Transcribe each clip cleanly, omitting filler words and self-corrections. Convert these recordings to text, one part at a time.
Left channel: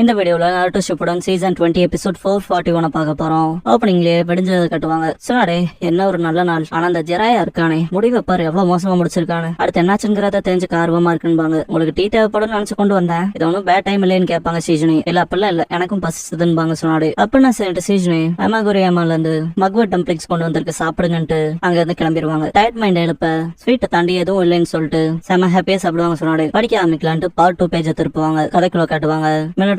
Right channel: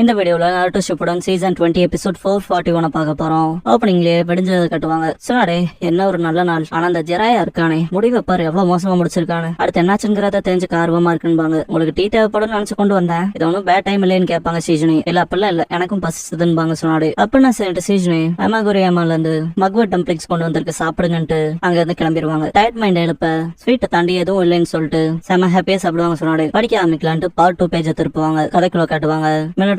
இந்த வீடியோல நாருட்டோ Shippuden season 20 episode 441 பார்க்க போறோம். ஓப்பனிங்லயே வெடிஞ்சதை கட்டுவாங்க. சொன்னாடே என்ன ஒரு நல்ல நாள், ஆனா அந்த ஜெராயா இருக்கானே முடிவை பாரு எவ்வளவு மோசமா முடிச்சிருக்கானு, அடுத்து என்னாச்சுங்கிறத தெரிஞ்சுக்க ஆர்வமா இருக்குன்பாங்க. உங்களுக்கு டீ தேவைப்படும் நினைச்சு கொண்டு வந்தேன், இது ஒன்னும் பேட் டைம் இல்லைன்னு கேட்பாங்க சீஜனி. இல்ல அப்பெல்லாம் இல்ல, எனக்கும் பசிச்சதுன்னு சொன்னாடு. அப்படின்னா சரிட்டு சீஜனி அமாகுரியாமால இருந்து மக்வட் டம்ப்ளிங்ஸ் கொண்டு வந்திருக்கு சாப்பிடுங்கன்ட்டு அங்க இருந்து கிளம்பிடுவாங்க. டயட் மைண்ட் எழுப்ப ஸ்வீட்டை தாண்டி எதுவும் இல்லைன்னு சொல்லிட்டு செம ஹாப்பியா சாப்பிடுவாங்க. சொன்னாடு படிக்க ஆரம்பிக்கலான்ட்டு பார்ட் 2 பேஜை திருப்புவாங்க. கதைக்குள்ள காட்டுவாங்க.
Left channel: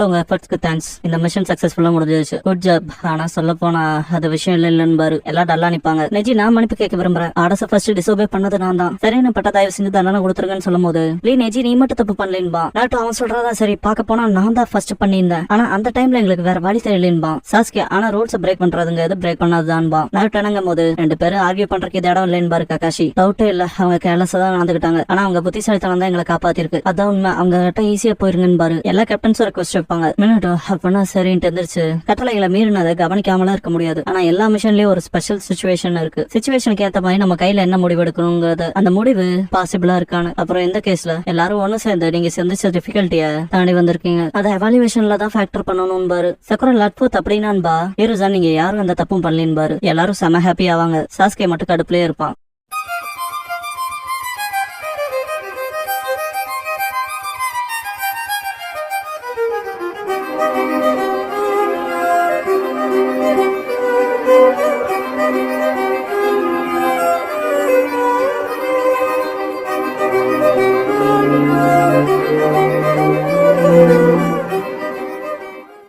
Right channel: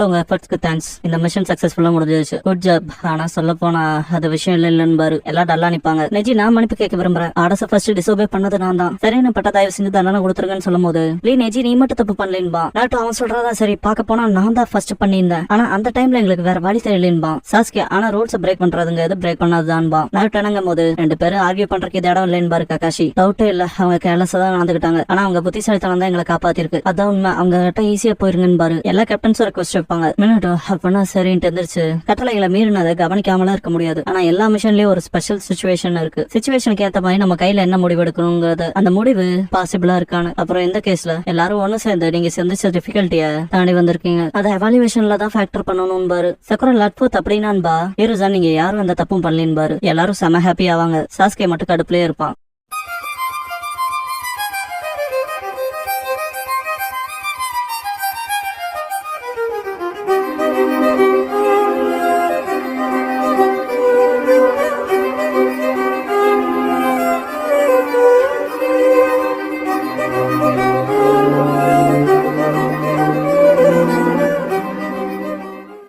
உங்க எஃபர்ட்ஸ்க்கு தேங்க்ஸ், இந்த மிஷன் சக்சஸ்ஃபுல்லா முடிஞ்சிருச்சு, குட் ஜாப். ஆனா சொல்ல போனா அது விஷயம் இல்லன்னு பாரு, எல்லாம் டல்லா நிப்பாங்க. நெஜி நான் மன்னிப்பு கேட்க விரும்புறேன், ஆர்டர்ஸ் ஃபர்ஸ்ட் டிசோபே பண்ணது நான் தான், சரின்னு பட்ட தயவு செஞ்சு தண்டனை கொடுத்துருங்கன்னு சொல்லும் போது நெஜி நீ மட்டும் தப்பு பண்ணலேன்பா. நாட்டும் அவன் சொல்றதா சரி, பார்க்க போனா நான் தான் ஃபர்ஸ்ட் பண்ணியிருந்தேன், ஆனா அந்த டைம்ல எங்களுக்கு வேற வழி தெரியலேன்பா. சாஸ்கே ஆனா ரூல்ஸ் பிரேக் பண்றதுங்க எது பிரேக் பண்ணாதுதான்பா. நாட்டு என்னங்கும் போது ரெண்டு பேரும் ஆர்கியூ பண்றதுக்கு இது இடம் இல்லைன்னு பாரு ககாஷி. டவுட்டே இல்ல, அவங்க கேர்லஸா தான் நடந்துக்கிட்டாங்க, ஆனா அவங்க புத்திசாலித்தனம் தான் எங்களை காப்பாத்திருக்கு, அதான் உண்மை. அவங்க கிட்ட ஈஸியா போயிருங்கன்னு பாரு. எல்லா கேப்டன்ஸும் ரெக்வஸ்ட் வைப்பாங்க. அப்படின்னா சரின்ட்டு எந்திரிச்சு கட்டளைகளை மீறினதை கவனிக்காமலாம் இருக்க முடியாது. ஆனா எல்லா மிஷன்லயும் ஒரு ஸ்பெஷல் சிச்சுவேஷன் இருக்கு. சிச்சுவேஷனுக்கு ஏத்த மாதிரி நம்ம கையில என்ன முடிவு எடுக்கணுங்கிறது, அந்த முடிவு பாசிபிளா இருக்கானு. அப்புறம் இந்த கேஸ்ல எல்லாரும் ஒண்ணு சேர்ந்து நீங்க சந்திச்ச டிஃபிகல்ட்டிய தாண்டி வந்திருக்கீங்க, அதை எவாலுவேஷன்ல தான் ஃபேக்டர் பண்ணணும் பாரு. சக்கர லட்பூத் அப்படின்னான்பா இருசா நீங்க யாரும் அந்த தப்பும் பண்ணலின்னு பாரு. எல்லாரும் செம ஹாப்பி ஆவாங்க. சாஸ்கே மட்டும் கடுப்புலயே இருப்பான்.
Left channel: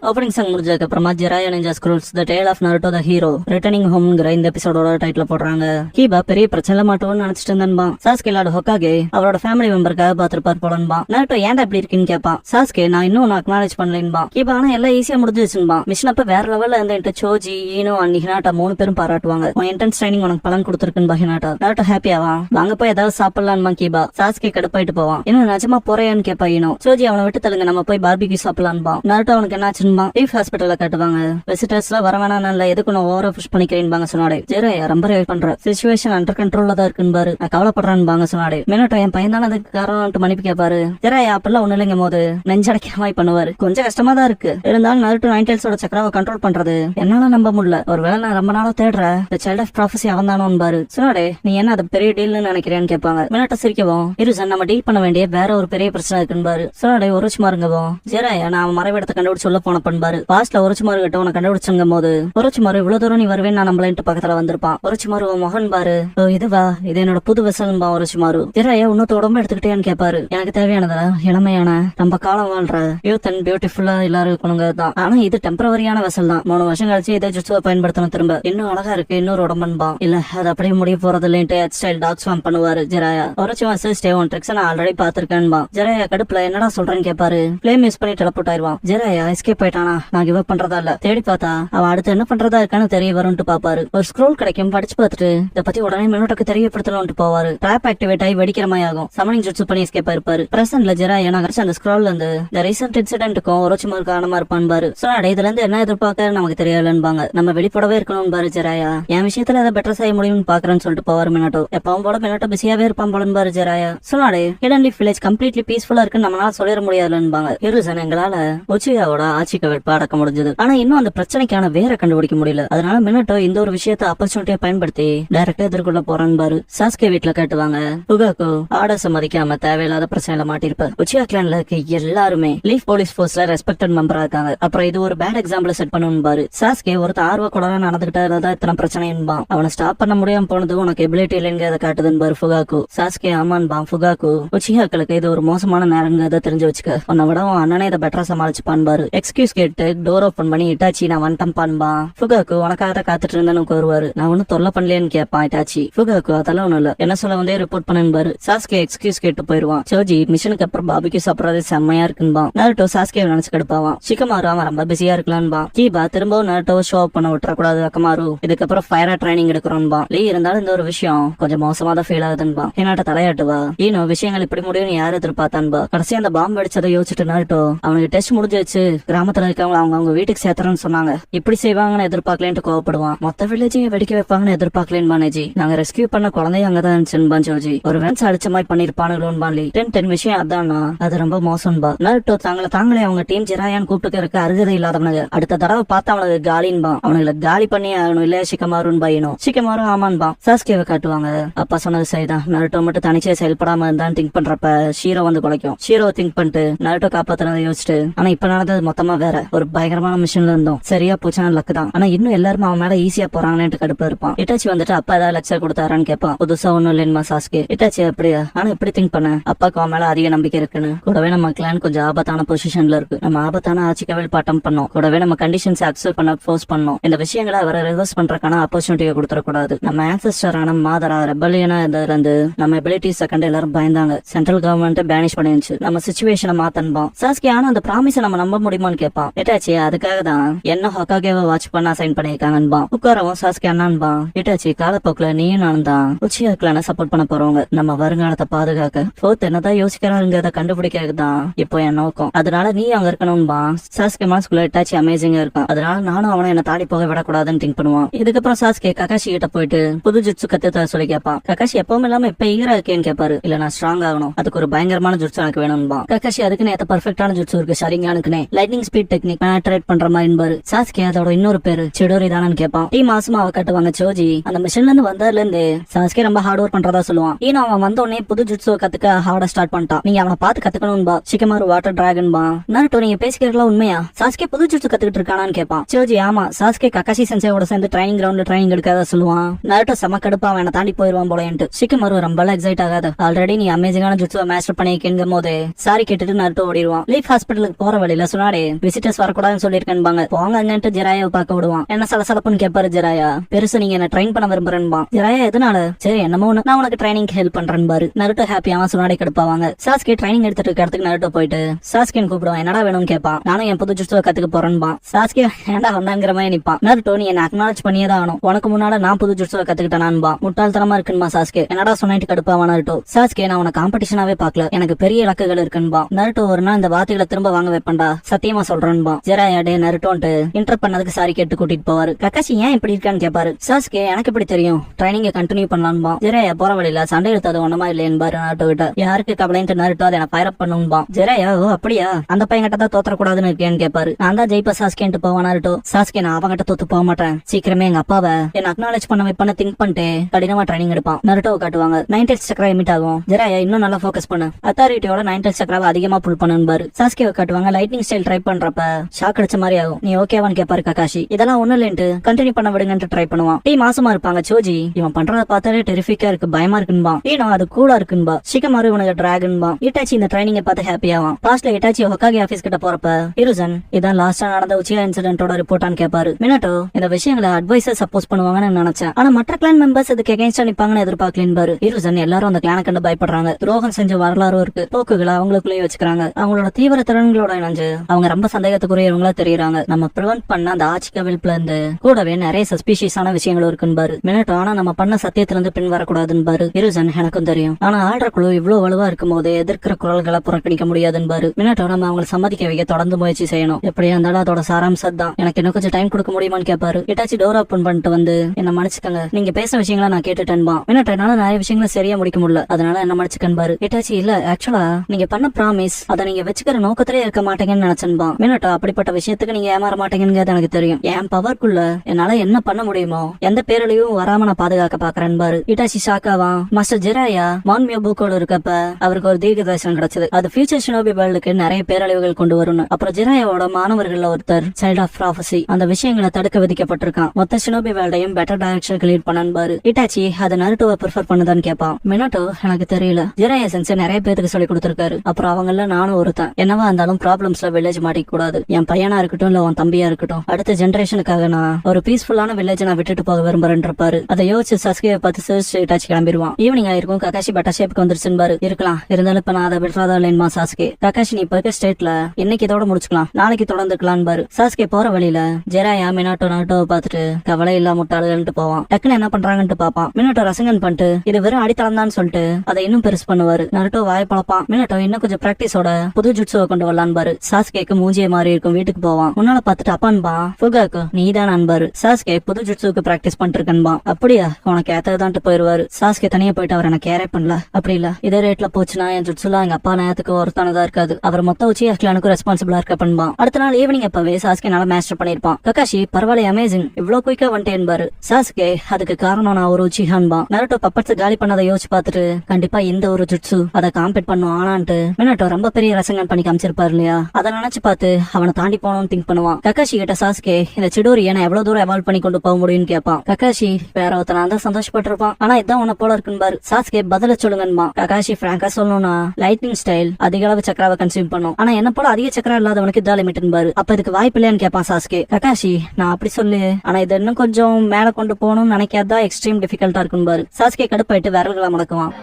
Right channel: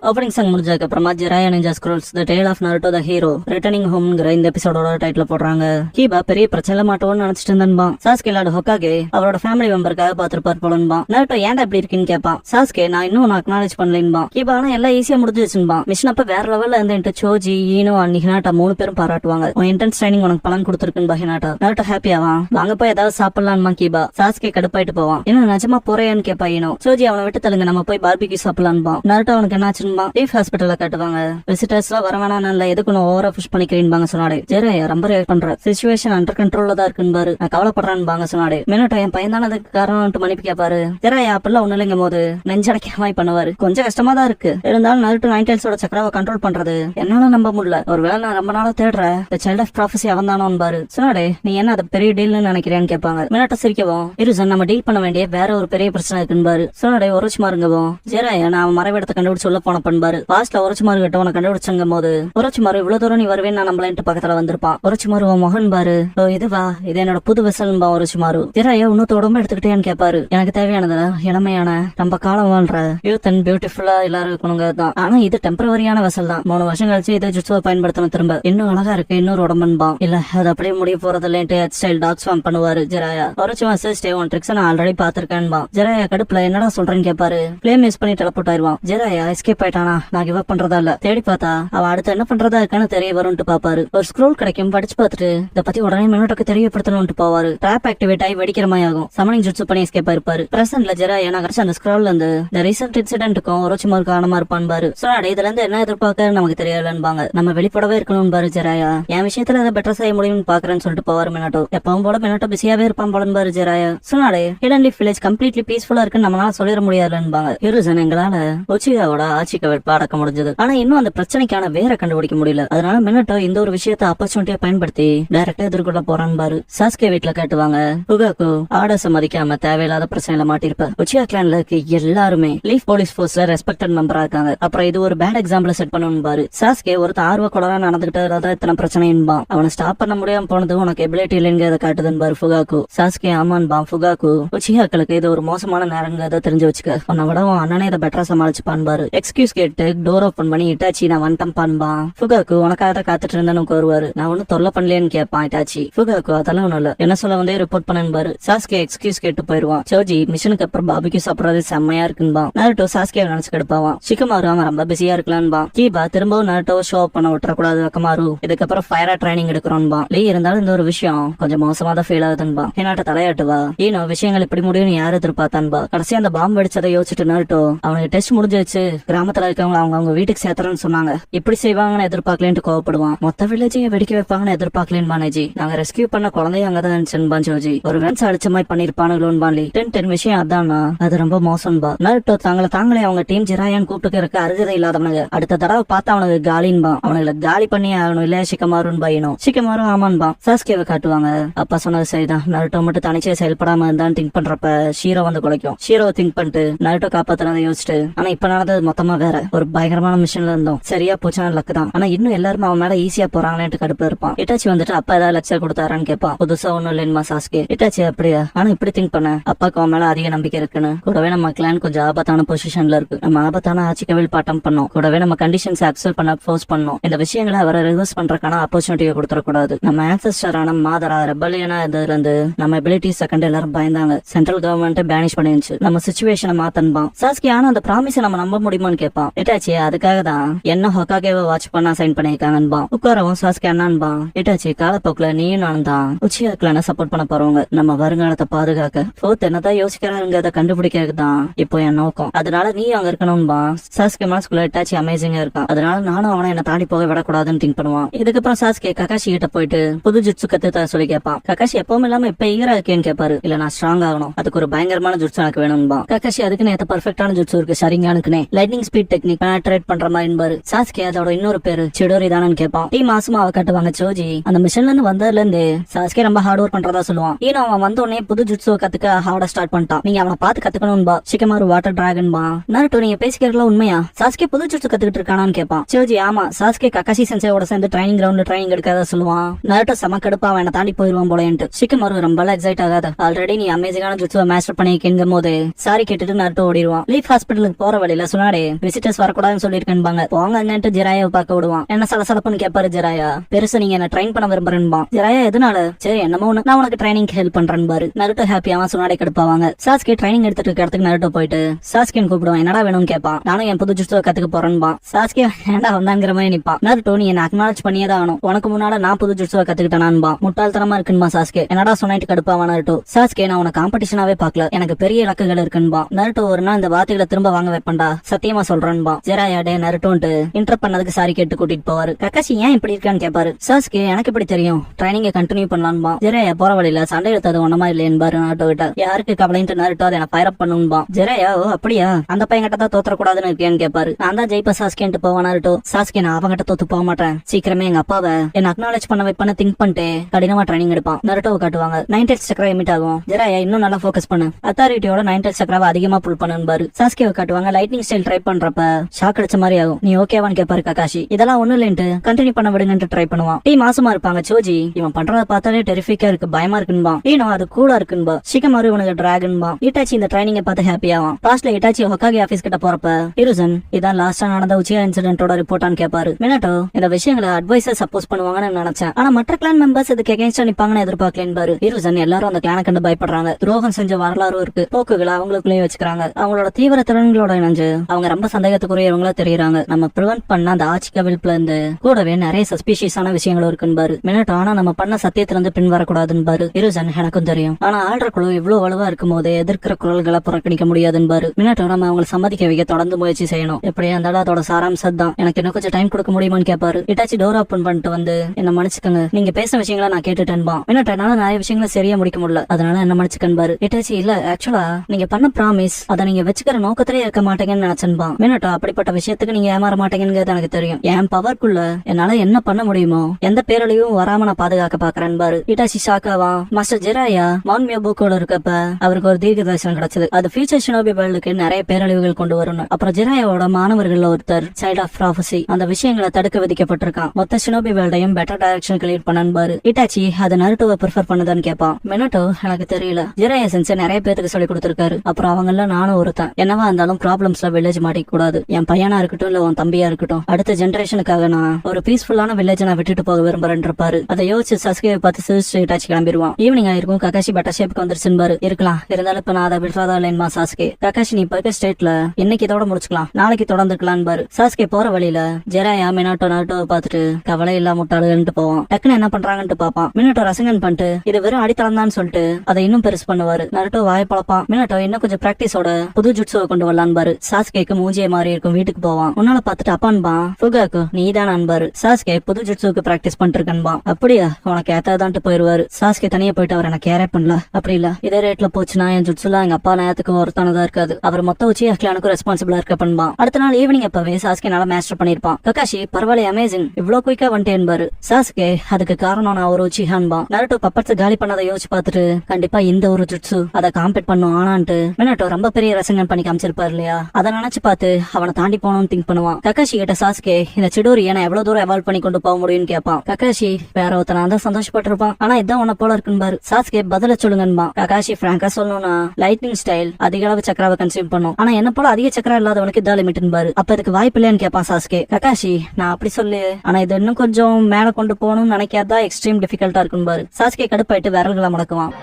ஓப்பனிங் சாங் முடிஞ்சதுக்கு அப்புறமா Jiraiya ninja scrolls the tale of Naruto the hero returning ஹோம்ங்கற இந்த எபிசோடோட டைட்டில் போடுறாங்க. கீபா பெரிய பிரச்சனை மாட்டோம்னு நினைச்சிட்டு இருந்தான்பா. சாஸ்கே லார்ட் ஹொக்காகே அவரோட ஃபேமிலி மெம்பருக்காக பாத்துருப்பார் போலன்பா. நாருட்டோ ஏன்டா இப்படி இருக்குன்னு கேட்பான். சாஸ்கே நான் இன்னும் அக்னாலேஜ் பண்ணலேன்பா. கீபா ஆனா எல்லாம் ஈஸியா முடிஞ்சிருச்சுன்பா. மிஷன் அப்ப வேற லெவல்ல இருந்துட்டு சோஜி ஈனோ அண்ட் ஹினாட்டா 3 பேரும் பாராட்டுவாங்க. உன் இன்டென்ஸ் ட்ரைனிங் உனக்கு பலன் கொடுத்துருக்குன்னு ஹினாட்டா. நாருட்டோ ஹாப்பி ஆவான். வாங்க போய் ஏதாவது சாப்பிடலான்பா கீபா. சாஸ்கே கடுப்பாயிட்டு போவான். இன்னும் நிஜமா போறேன்னு கேப்பா ஈனோ. சோஜி அவனை விட்டு தள்ளுங்க, நம்ம போய் பார்பிக்யூ சாப்பிடலான்பா. நாருட்டோ அவனுக்கு என்னாச்சுன்பா. லீஃப் ஹாஸ்பிட்டல் காட்டுவாங்க. விசிட்டர்ஸ்ல வரவேணா எதுக்கு நான் ஓவரா புஷ் பண்ணிக்கிறேன்பாங்க சொன்னாடு. ஜெராயா ரொம்ப ரியாக்ட் பண்ற, சிச்சுவேஷன் அண்டர் கண்ட்ரோல்ல தான் இருக்குன்னு நான் கவலைப்படுறான்பாங்க சொன்னாடு. மினட்டோ என் பையன் தானே அதுக்கு காரணம் மன்னிப்பு கேட்பாரு. ஜெராயா அப்பெல்லாம் ஒண்ணு இல்லைங்க போது நெஞ்சடைக்கிற மாதிரி பண்ணுவாரு. கொஞ்சம் கஷ்டமா தான் இருக்கு, இருந்தாலும் நருட்டோ நைன்டெல்ஸோட சக்கராவை கண்ட்ரோல் பண்றது என்னால நம்ப முடியல. ஒருவேளை நான் ரொம்ப நாளா தேடுற சைல்ட் ஆஃப் ப்ராஃபஸி அவன் தானோன்னு சொன்னாடு. நீ என்ன அது பெரிய டீல்னு நினைக்கிறேன்னு கேட்பாங்க. மினட்டோ சிரிக்கவும் இருசன் நம்ம டீல் பண்ண வேண்டிய வேற ஒரு பெரிய பிரச்சனை இருக்குன்னு சொன்னாடு. உரைச்சுமா இருங்கவும் ஜெராயா நான் மறைவிடத்தை கண்டுபிடிச்சு சொல்ல போன பண்பாரு. பாஸ்ட்ல உரைச்சுமாறு கிட்ட உனக்கு கண்டுபிடிச்சுங்க போது உரைச்சுமாறு இவ்வளவு தூரம் நீ வருவேன் நான் நம்மளன்ட்டு பக்கத்துல வந்திருப்பான். உரைச்சுமாறு உன் மகன் பாரு, இதுவா இது என்னோட புது வெசல்பா. உரைச்சுமாறு ஜெராயா இன்னொரு உடம்பு எடுத்துக்கிட்டேன்னு கேட்பாரு. எனக்கு தேவையானது இளமையான ரொம்ப காலம் வாழ்ற யூத் அண்ட் பியூட்டிஃபுல்லா எல்லாரும் இருக்கணுங்கிறதுதான். ஆனா இது டெம்பரவரியான வெசல் தான், 3 வருஷம் கழிச்சு இதை ஜுட்சுவா பயன்படுத்தணும். திரும்ப இன்னும் அழகா இருக்கு இன்னொரு உடம்பன்பா. இல்ல அது அப்படியே முடிய போறது இல்லைன்ட்டு ஸ்டைல் டாக் ஸ்வாம் பண்ணுவாரு ஜெராயா. உரைச்சுமா ஸ்டே ஒன் ட்ரிக்ஸ் நான் ஆல்ரெடி பாத்திருக்கேன்பா. ஜெராயா கடுப்புல என்னடா சொல்றேன்னு கேட்பாரு. பிளேம் யூஸ் பண்ணி டெலப்போர்ட் ஆயிருவான். ஜெராயா எஸ்கேப் ஆயிட்டானா, நான் கிவ் அப் பண்றதா இல்ல, தேடி பார்த்தா அவன் அடுத்து என்ன பண்றதா இருக்கான்னு தெரிய வரும்னு பாப்பாரு. ஒரு ஸ்க்ரோல் கிடைக்கும், படிச்சு பார்த்துட்டு இதை பத்தி உடனே மினோட்டோக்கு தெரியப்படுத்தணும்னு போவாரு. ட்ராப் ஆக்டிவேட் ஆகி வெடிக்கிற மாதிரி ஆகும். சமனிங் ஜுட்சு பண்ணி எஸ்கேப் இருப்பாரு. பிரசன்ட்ல ஜெராயா நகர்ச்சி அந்த ஸ்க்ரோல்ல இருந்து இந்த ரீசென்ட் இன்சிடென்ட்டுக்கும் ஒரோச்சிமாரு காரணமா இருப்பான் பாரு. சொன்னாடே இதுல இருந்து என்ன எதிர்பார்க்க நமக்கு தெரியலன்பாங்க. நம்ம வெளிப்படவே இருக்கணும் பாரு ஜெராயா. என் விஷயத்துல அதை பெட்டர் செய்ய முடியும்னு பாக்குறேன்னு சொல்லிட்டு போவாரு மினோட்டோ. எப்பவும் போல மினோட்டோ பிஸியாவே இருப்பான் போல பாரு ஜெராயா. சொன்னாடே ஹிடன் லீஃப் வில்லேஜ் கம்ப்ளீட்லி பீஸ்ஃபுல்லா இருக்குன்னு நம்மளால சொல்லிட முடியாதுன்பாங்க. இருசன் எங்களால உச்சியாவோட ஆட்சி கவிழ்ப்பு அடக்க முடிஞ்சது, ஆனா இன்னும் அந்த பிரச்சனைக்கான வேற கண்டுபிடிக்க முடியல. அதனால மினட்டோ இந்த ஒரு விஷயத்த ஆப்பர்ச்சுனிட்டியா பயன்படுத்தி டைரக்டா எதிர்கொள்ள போறான் பாரு. சாஸ்கே வீட்டுல காட்டுவாங்க. புகாக்கு ஆர்டர்ஸ் மதிக்காம தேவையில்லாத பிரச்சனையில மாட்டிருப்ப. உச்சியா கிளான்ல இருக்க எல்லாருமே லீஃப் போலீஸ் போர்ஸ்ல ரெஸ்பெக்டட் மெம்பரா இருக்காங்க. அப்புறம் இது ஒரு பேட் எக்ஸாம்பிள் செட் பண்ணணும் பாரு. சாஸ்கே ஒருத்த ஆர்வ கொடரா நடந்துகிட்டதான் இத்தனை பிரச்சனைன்பா. அவனை ஸ்டாப் பண்ண முடியாம போனது உனக்கு எபிலிட்டி இல்லைங்கிறத காட்டுதுன்னு பாரு புகாக்கு. சாஸ்கே ஆமான்பா. புகாக்கு உச்சியாக்களுக்கு இது ஒரு மோசமான நேரங்கிறத தெரிஞ்சு வச்சுக்க, உன்னை விட உன் அண்ணனே இதை பெட்டரா சமாளிச்சுப்பான் பாரு. எக்ஸ்கியூஸ் கேட்டு டோர் ஓபன் பண்ணி இட்டாச்சி நான் வந்துட்டேன் பான்பா. புகாக்கு உனக்காக காத்துட்டு இருந்தேன்னு வருவாரு. நான் ஒன்னும் தொல்லை பண்ணலையேன்னு கேட்பான் இட்டாச்சி. புகாக்கு அதெல்லாம் ஒண்ணும் இல்ல, என்ன சொல்ல வந்து ரிப்போர்ட் பண்ணுபாரு. சாஸ்கே எக்ஸ்கியூஸ் கேட்டு போயிருவான். சோஜி மிஷனுக்கு அப்புறம் பாபிக்கு சாப்பிடறது செம்மையா இருக்குன்பா. நாருட்டோ சாஸ்கே நினைச்சு கெடுப்பாவான். ஷிகமாரு அவன் ரொம்ப பிஸியா இருக்கலான்பா. கீபா திரும்பவும் நாருட்டோ ஷோ பண்ண விட்டுறக்கூடாது அக்கமாரு, இதுக்கப்புறம் ஃபயரா ட்ரைனிங் எடுக்கிறோன்பா. லீ இருந்தாலும் இந்த ஒரு விஷயம் கொஞ்சம் மோசமா தான் ஃபீல் ஆகுதுன்பா. ஹினாட்டா தலையாட்டுவா. இன்னும் விஷயங்கள் இப்படி முடியும்னு யார் எதிர்பார்த்தான்பா. கடைசி அந்த பாம்பு வெடிச்சதை யோசிச்சுட்டு நாருட்டோ அவனுக்கு டெஸ்ட் முடிஞ்சிருச்சு, கிராமத்துல இருக்கவங்க அவங்க வீட்டுக்கு சேர்த்துறேன்னு சொன்னாங்க. இப்படி செய்வாங்கன்னு எதிர்பார்க்கலன்னு கோவப்படுவான். மொத்த வில்லேஜையும் வெடிக்க வைப்பாங்கன்னு எதிர்பார்க்கலன்னு பானேஜி. நாங்க ரெஸ்கியூ பண்ண குழந்தைய அங்கதான் இருந்துச்சுன்னு ஜோஜி. ஒரு வேன்ஸ் அடிச்ச மாதிரி பண்ணிருப்பானுங்களோன்னு பான்லி. 10 விஷயம் அதான்னா அது ரொம்ப மோசம்பா. நருட்டோ தாங்களே அவங்க டீம் ஜிராயான்னு கூப்பிட்டுக்க அருகதை இல்லாதவனுங்க. அடுத்த தடவை பார்த்தா அவனுக்கு காலின்பா. அவனுங்களை காலி பண்ணி அவனு இல்ல சிக்கமாருன்னு பையனும். சிக்கமாரும் ஆமான்பா. சாஸ்கேவை காட்டுவாங்க. அப்பா சொன்னது சரிதான். நருட்டோ மட்டும் தனிச்சே செயல்படாம இருந்தான்னு திங்க் பண்றப்ப ஷீரோ வந்து குலைக்கும். ஷீரோ திங்க் பண்ணிட்டு நருட்டோ காப்பாத்தினதை யோசிச்சுட்டு, ஆனா இப்ப நடந்தது மொத்தமா வேற ஒரு பயங்கரமான மிஷன்ல இருந்தோம். சரியா போச்சுன்னா லக்கு தான். ஆனா இன்னும் எல்லாரும் அவன் மேல ஈஸியா போறாங்கன்னு கடுப்புல இருப்பான். இட்டாச்சி வந்துட்டு அப்பா ஏதாவது லெக்சர் கொடுத்தாரான்னு கேட்பான். புதுசா ஒண்ணும் இல்லைன்மா சாஸ்கே. இட்டாச்சி அப்படியா? ஆனா இப்படி திங்க் பண்ண அப்பாக்கு அவன் மேல அதிக நம்பிக்கை இருக்குன்னு. கூடவே நம்ம கிளான் கொஞ்சம் ஆபத்தான பொசிஷன்ல இருக்கு. நம்ம ஆபத்தான ஆட்சி கவில் பாட்டம் பண்ணோம். கூடவே நம்ம கண்டிஷன்ஸ் அக்செப்ட் பண்ண ஃபோர்ஸ் பண்ணோம். இந்த விஷயங்களை அவரை ரிவர்ஸ் பண்றதுக்கான ஆப்பர்ச்சுனிட்டியை கொடுத்துடக்கூடாது. நம்ம ஆன்செஸ்டரான மாதரா ரெபல்லியனா இருந்ததுல இருந்து நம்ம எபிலிட்டிஸ் செகண்ட் எல்லாரும் பயந்தாங்க. சென்ட்ரல் கவர்மெண்ட் பேனிஷ் பண்ணிருச்சு. நம்ம சிச்சுவேஷனை மாத்தன்பான் சாஸ்கே. ஆனா அந்த ப்ராமிஸை நம்ம நம்ப முடியுமான்னு கேட்பான். இட்டாச்சி அதுக்காக தான் என்ன ஹொக்காகேவை வாட்ச் பண்ண சைன் பண்ணிருக்காங்கன்பா. உட்காரவும் சாஸ்கே அண்ணான்பா. இட்டாச்சி காலப்போக்குல நீயும் நானும் தான் உச்சியாக்கலான சப்போர்ட் பண்ண போறவங்க. நம்ம வருங்காலத்தை பாதுகாக்க ஃபோர்த் என்னதான் யோசிக்கிறாருங்கிறத கண்டுபிடிக்கிறது தான் இப்போ என் நோக்கம். அதனால நீ அங்க இருக்கணும்பா. சாஸ்கே மனசுக்குள்ள இட்டாச்சி அமேசிங்கா இருக்கான். அதனால நானும் அவனை என்ன தாண்டி போக விடக்கூடாதுன்னு திங்க் பண்ணுவான். இதுக்கப்புறம் சாஸ்கே ககாஷி கிட்ட போயிட்டு புது ஜுட்சு கத்து சொல்லி கேட்பான். ககாஷி எப்பவும் இல்லாம இப்ப ஈரா இருக்கேன்னு கேட்பாரு. இல்ல நான் ஸ்ட்ராங் ஆகணும், அதுக்கு ஒரு பயங்கரமான ஜுட்சு எனக்கு வேணும்பா. ககாஷி அதுக்கு நேத்து பர்ஃபெக்டான ஜுட்சு இருக்கு ஷரிங்கானுக்குனே. லைட்னிங் ஸ்பீட் டெக்னிக் பெனட்ரேட் பண்ற மாதிரி. சாஸ்கே அதோட இன்னொரு பேரு சிடோரி தானு கேட்பான். டீ மாசமா அவ காட்டுவாங்க சோஜி. அந்த மிஷன்ல இருந்து வந்ததுல இருந்து சாஸ்கே ரொம்ப ஹார்ட் ஒர்க் பண்றதா சொல்லுவான். ஏன்னா அவன் வந்த உடனே புது ஜுட்சுவை கத்துக்க ஹார்டா ஸ்டார்ட் பண்ணிட்டான். நீங்க அவனை பார்த்து கத்துக்கணும்பா. சிக்கமாரு வாட்டர் டிராகன் பா. நருட்டோ நீங்க பேசிக்கிறதுலாம் உண்மையா? சாஸ்கே புது ஜுட்சு கத்துக்கிட்டு இருக்கானான்னு கேட்பான். சோஜி ஆமா, சாஸ்கே ககாஷி சென்சையோட சேர்ந்து ட்ரைனிங் கிரவுண்ட்ல ட்ரைனிங் எடுக்காத சொல்லுவான். நருட்டோ செம கடுப்பா அவனை தாண்டி போயிருவான் போலன்ட்டு. சிக்கமாரு ரொம்ப எக்ஸைட் ஆகாத. ஆல்ரெடி நீ அமேசிங்கான ஜுட்சுவை மாஸ்டர் பண்ணிருக்கேங்கும் போது சாரி கேட்டுட்டு நருட்டோ ஓடிடுவான். லீஃப் ஹாஸ்பிட்டலுக்கு போற வழியில சொன்னாடே விசிட்டர்ஸ் வரக்கூடாதுன்னு சொல்லிருக்கேன்பாங்க. போங்கன்ட்டு ஜெராயாவை பார்க்க விடுவான். என்ன சலசலப்புன்னு கேட்பாரு ஜெராயா. பெருசு நீங்க என்ன ட்ரைன் பண்ண விரும்புறேன்பா. ஜெராயா எதனால? சரி என்னமோ நான் உனக்கு ட்ரைனிங் ஹெல்ப் பண்றேன் பாரு. நருட்டோ ஹாப்பியாவா சொன்னாடே கடுப்பாவாங்க. சாஸ்கே ட்ரைனிங் எடுத்துட்டு இருக்க இடத்துக்கு நருட்டோ போயிட்டு சாஸ்கேன்னு கூப்பிடுவான். என்னடா வேணும்னு கேட்பான். நானும் என் புது ஜுட்சுவை கத்துக்க போறேன்பா. சாஸ்கே ஏண்டா வந்தாங்கிற மாதிரி நிப்பான். நருட்டோ நீ என்ன அக்னாலஜ் பண்ணியதான் ஆகணும். உனக்கு முன்னால நான் புது ஜுட்சுவை கத்துக்கிட்டேனான்பா. முட்டாள்தனமா இருக்குன்பா சாஸ்கே. என்னடா சொன்னாட்டு கடுப்பாவா நருட்டோ. சாஸ்கே நான் உன காம்படிஷனாவே பாக்கல, எனக்கு பெரிய இலக்குகள் இருக்குன்பா. நருட்டோ ஒரு நாள் இந்த வார்த்தைகளை திரும்ப வாங்க வைப்பண்டா, சத்தியமா சொல்றேன்பா. ஜெராயா டே நருட்டோன்ட்டு இன்டர் பண்ணதுக்கு சாரி கேட்டு கூட்டிட்டு போவாரு. ககாஷி ஏன் இப்படி இருக்கான்னு கேட்பாரு. சாஸ்கே எனக்கு எப்படி தெரியும், ட்ரைனிங்க கண்டினியூ பண்ணலான்பா. ஜெராயா போற வழியில சண்டை எடுத்தது ஒண்ணுமா இல்லையன்பாரு நருட்டோ கிட்ட. யாருக்கு கவலைன்ட்டு நருட்டோ அதை ஃபயர் அப் பண்ணும்பா. ஜெராயா ஓ அப்படியா, அந்த பையன் கிட்ட தான் தோத்தரக்கூடாதுன்னு இருக்கேன்னு கேட்பாரு. நான் தான் ஜெயிப்ப சாஸ்கேன்ட்டு போவான் நருட்டோ. சாஸ்கே நான் அவங்கிட்ட தோத்து போக மாட்டேன், சீக்கிரமே எங்க அப்பாவை என்ன அக்னாலேஜ் பண்ண வைப்பான திங்க் பண்ணிட்டு கடினமா ட்ரைனிங் எடுப்பான். நருட்டோவை காட்டுவாங்க. 9 சக்கரா எமிட் ஆகும். ஜெராயா இன்னும் நல்லா ஃபோக்கஸ் பண்ணு, அத்தாரிட்டியோட 9 சக்கராவை அதிகமா புல் பண்ணுபாரு. சாஸ்கேவை காட்டுவாங்க. லைட்னிங் ஸ்டைல் ட்ரை பண்றப்ப ஷாக் அடிச்ச மாதிரி ஆகும். நீ ஓகேவான்னு கேட்பாரு ககாஷி. இதெல்லாம் ஒண்ணு இல்லைன்ட்டு கண்டினியூ பண்ண விடுங்கன்னு ட்ரை பண்ணுவான். டீ மாசமா இருப்பாங்க சோஜி. இவன் பண்றத பார்த்தாலே டெரிஃபிக்கா இருக்கு, பயமா இருக்குன்பா. ஏன்னா அது கூலா இருக்குன்பா. சிக்கமாரு இவனுக்கு டிராகன்பா. இட்டாச்சி இந்த ட்ரைனிங்க பார்த்து ஹாப்பியாவான். லாஸ்ட்ல இட்டாச்சி ஹொக்காகி ஆபீஸ் கிட்ட போறப்ப ஹிருசன் இதான் லாஸ்டா நடந்த உச்சியா இன்சிடென்ட்டோட ரிப்போர்ட்டான்னு கேட்பாரு. மினட்டோ இந்த விஷயங்களை அட்வைசர் சப்போஸ் பண்ணுவாங்கன்னு நினைச்சேன், ஆனா மற்ற கிளான் மெம்பர்ஸ் இதுக்கு எகென்ஸ்டா நிப்பாங்கன்னு எதிர்பார்க்கலன்பாரு. ஹிருசன் எல்லாரும் அந்த கிளான கண்டு பயப்படுறாங்க. துரோகம் செஞ்ச வரலாறும் இருக்கு. போக்குகளை அவங்களுக்குள்ளேயே வச்சுக்கிறாங்க. அவங்களோட தீவிர திறன்களோட இணைஞ்சு அவங்க ரொம்ப சந்தேகத்துக்குரியவங்களா தெரியுறாங்க. நம்ம பிரிவென்ட் பண்ண அந்த ஆட்சி கவிழ்ப்புல இருந்து கூடவே நிறைய சஸ்பீஷியஸான விஷயங்களும் இருக்குன்பாரு. மினட்டோ ஆனா நம்ம பண்ண சத்தியத்துல இருந்து பின் வரக்கூடாதுன்னு ஹிருசன் எனக்கும் தெரியும், ஆனா ஆள்ற குழு இவ்வளவு வலுவா இருக்கும் போது எதிர்க்கிற குரல்களை புறக்கணிக்க முடியாதுன்னு மினட்டோ நம்ம அவங்களை சம்மதிக்க வைக்க தொடர்ந்து முயற்சி செய்யணும். எப்படியா இருந்தாலும் அதோட சாராம்சம் தான். எனக்கு இன்னும் கொஞ்சம் டைம் கொடுக்க முடியுமான்னு கேட்பாரு. இட்டாச்சி டோர் ஓபன் பண்ணிட்டு வந்து என்ன மன்னிச்சுக்கங்க, நீங்க பேசின விஷயங்களை நான் கேட்டுட்டேன்பா. மினட்டோ என்னால நிறைய விஷயங்களை சரியா முடிக்க முடியல, அதனால என்ன மன்னிச்சுக்கன்பாரு. இட்டாச்சி இல்ல ஆக்சுவலா நீங்க பண்ண ப்ராமிஸ் அதை நீங்க வச்சுக்கிற நோக்கத்திலே இருக்க மாட்டேங்கன்னு நினைச்சன்பா. மினட்டோ அப்படிப்பட்ட விஷயத்துக்கு நீங்க ஏமாற மாட்டேங்கிறது எனக்கு தெரியும். என் பவர்க்குள்ள என்னால என்ன பண்ண முடியுமோ எந்த பேரலையும் வராம நான் பாதுகாக்க பாக்குறேன்பாரு. இட்டாச்சி ஷாக்காவா. மாஸ்டர் ஜெராயா மான்மியோ புக்கோட இருக்கப்ப அவருக்கு ஒரு தீர்க்க தரிசனம் கிடைச்சது. அது ஃபியூச்சர் ஷினோபி வேர்ல்டுக்கு நிறைய பேரழிவுகள் கொண்டு வரும். அப்புறம் ஜெராயாவோட மாணவர்கள்ல ஒருத்தர் சைல்ட் ஆஃப் ப்ராஃபசி அந்த விஷயங்களை தடுக்க விதிக்கப்பட்டிருக்கான். மொத்த ஷினோபி வேர்ல்டையும் பெட்டர் டைரக்ஷனுக்கு லீட் பண்ணன்பாரு. இட்டாச்சி அதை நருட்டோவை ப்ரிஃபர் பண்ணுதான்னு கேட்பான். மினட்டோ எனக்கு தெரியல, ஜெராயா சென்சை நிறைய பேருக்கு சொல்லி கொடுத்திருக்காரு, அப்புறம் அவங்கள நானும் ஒருத்தன். என்னவா இருந்தாலும் ப்ராப்ளம்ஸ்ல வில்லேஜ் மாட்டிக்க கூடாது. என் பையனா இருக்கட்டும் இல்ல உன் தம்பியா இருக்கட்டும், அடுத்த ஜெனரேஷனுக்காக நான் ஒரு பீஸ்ஃபுல்லான வில்லேஜ் நான் விட்டுட்டு போக விரும்புறேன்றாரு. அதை யோசிச்சு சஸ்கேவை பார்த்து சிரிச்சு இட்டாச்சி கிளம்பிடுவான். ஈவினிங் ஆயிருக்கும். ககாஷி பட்டா ஷேப்புக்கு வந்துருச்சுன்னு இருக்கலாம், இருந்தாலும் இப்ப நான் அதை விடுறதா இல்லைன்மா சாஸ்கே. ககாஷி நீ இப்ப ஸ்டேட்ல இன்னைக்கு இதோட முடிச்சுக்கலாம், நாளைக்கு தொடர்ந்துக்கலாம் பாரு. சாஸ்கே போற வழியில ஜெராயா மினாட்டோ நருட்டோவை பார்த்துட்டு கவலை இல்ல முட்டாளுகள்ட்டு போவான். டக்குன்னு என்ன பண்றாங்கன்னு பாப்பான். மினாட்டோ ரசங்கன் பண்ணிட்டு இது வெறும் அடித்தளம் தான் சொல்லிட்டு அதை இன்னும் பெருசு பண்ணுவாரு. நருட்டோ வாய் பழப்பான். மினாட்டோ இன்னும் கொஞ்சம் பிராக்டிஸோட புது ஜுட்சுவை கொண்டு வரலான்னு பாரு. சாஸ்கேக்கு மூஞ்சியை மாதிரி இருக்கும் வீட்டுக்கு போவான். முன்னால பாத்துட்டு அப்பான்பா ஃபுகாக்கு நீதான் அன்பாரு. சாஸ்கே புது ஜுட்ஸுக்கு பிராக்டிஸ் பண்ணிட்டு இருக்கன்பா. அப்படியா உனக்கு ஏத்தாதான்ட்டு போயிருவாரு. சாஸ்கே தனியா போயிட்டு அவர் எனக்கு கேரே பண்ணல. அப்படி இல்ல இதே ரேட்ல போச்சுன்னா என் ஜுட்ஸுல எங்க அப்பா நேரத்துக்கு ஒருத்தானதா இருக்காது. அவர் மொத்த உச்சி கிளானுக்கு ரெஸ்பான்சிபிளா இருக்க பண்ணுவா. அடுத்த நாள் ஈவினிங் அப்பவே சாஸ்கே நல்லா மாஸ்டர் பண்ணிருப்பான். ககாஷி பரவாயில்ல அமேசிங் இவ்வளவு குயிக்கா வந்துட்டேன்பாரு. சாஸ்கே அதுக்கு காரணம் நான் ஒரு உச்சிஹான்பா. நருட்டோ பப்பட்ஸ் காலி பண்ணதை யோசிச்சு பாத்துட்டு கண்டிப்பா இந்த ஒரு ஜுட்ஸு அதை காம்பேட் பண்ணும் ஆனான்ட்டு மினட்டோ ரொம்ப பெரிய ரசங்கன் பண்ணி காமிச்சிருப்பாரு இல்லையா. அதை நினைச்சு பார்த்து அவனை தாண்டி போகணும்னு திங்க் பண்ணுவான். ககாஷி கிட்ட சாஸ்கே இந்த சிடோரி ஏன்னா எவ்வளவு தூரம் எவால்வ் பண்ணி கொண்டு போக முடியும்னு கேட்பான். ககாஷி வேற ஒருத்தன வந்து சந்தோஷப்பட்டு இருப்பான். ஆனா இதான் உன போல இருக்குன்னு பாரு. சாஸ்கே பதில சொல்லுங்கன்பா. ககாஷி பிராங்கா சொல்லணும்னா லைட்னிங் ஸ்டைல் அதிக அளவு சக்கராவை கன்சியூம் பண்ணும். ஆனா என்ன போல அதிக சக்கரா இல்லாதவனுக்கு இதான் லிமிட்னு பாரு. அப்ப இதுக்கு வாய்ப்பு இல்லையான்னு கேட்பான் சாஸ்கே. ககாஷி நான் அப்படி சொல்லு ஆனா இது இன்னும் கொஞ்சம் மேல கொண்டு போகணும்னு நினைக்காதான் எக்ஸ்ட்ரீம் டிஃபிகல்ட்டா இருக்குன்னு பாரு. சாஸ்கே கடுப்பாயிட்டு விரல்களை முடக்குவான்.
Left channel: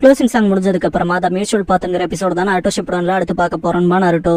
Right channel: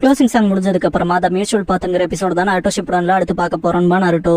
க்ளோசிங் சாங் முடிஞ்சதுக்கு அப்புறமா த மியூச்சுவல் பாத்துங்கிற எபிசோட் தானே ஆட்டோ ஷிப்டான்ல அடுத்து பார்க்க போறோம்னு நருட்டோ.